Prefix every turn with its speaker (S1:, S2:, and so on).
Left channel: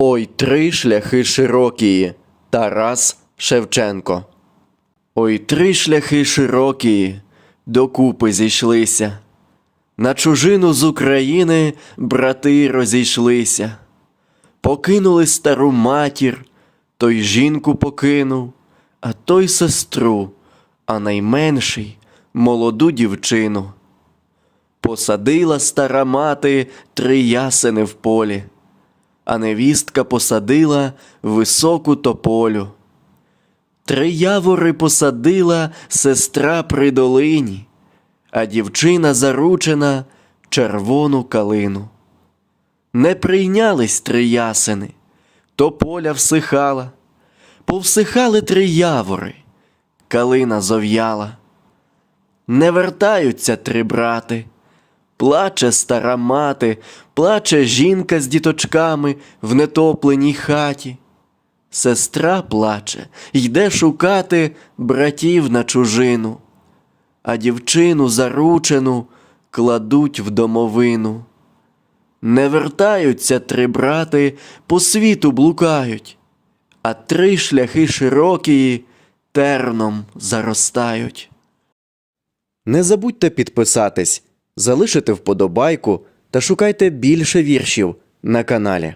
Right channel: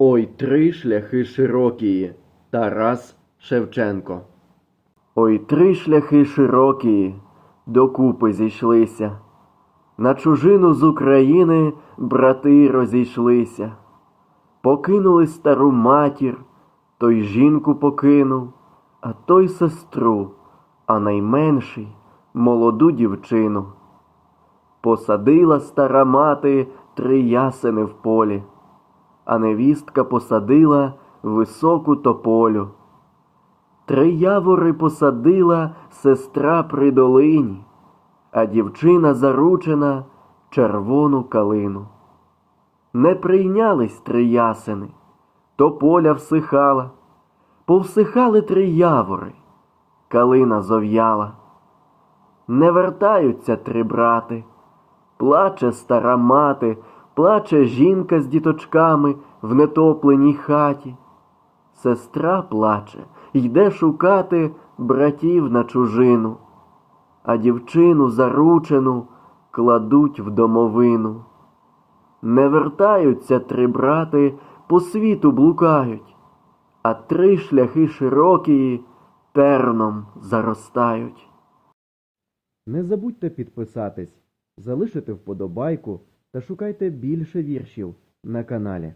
S1: Ой, три шляхи широкі. Тарас Шевченко. Ой, три шляхи широкі, докупи зійшлися. На чужину з України брати розійшлися. Покинули стару матір, той жінку покинув, а той сестру, а найменший молоду дівчину. Посадила стара мати три ясени в полі, а невістка посадила високу тополю. Три явори посадила сестра при долині, а дівчина заручена червону калину. Не прийнялись три ясени, тополя всихала, повсихали три явори, калина зов'яла. Не вертаються три брати, плаче стара мати, плаче жінка з діточками в нетопленій хаті. Сестра плаче, йде шукати братів на чужину, а дівчину заручену кладуть в домовину. Не вертаються три брати, по світу блукають, а три шляхи широкі терном заростають. Не забудьте підписатись, залишити вподобайку та шукайте більше віршів на каналі.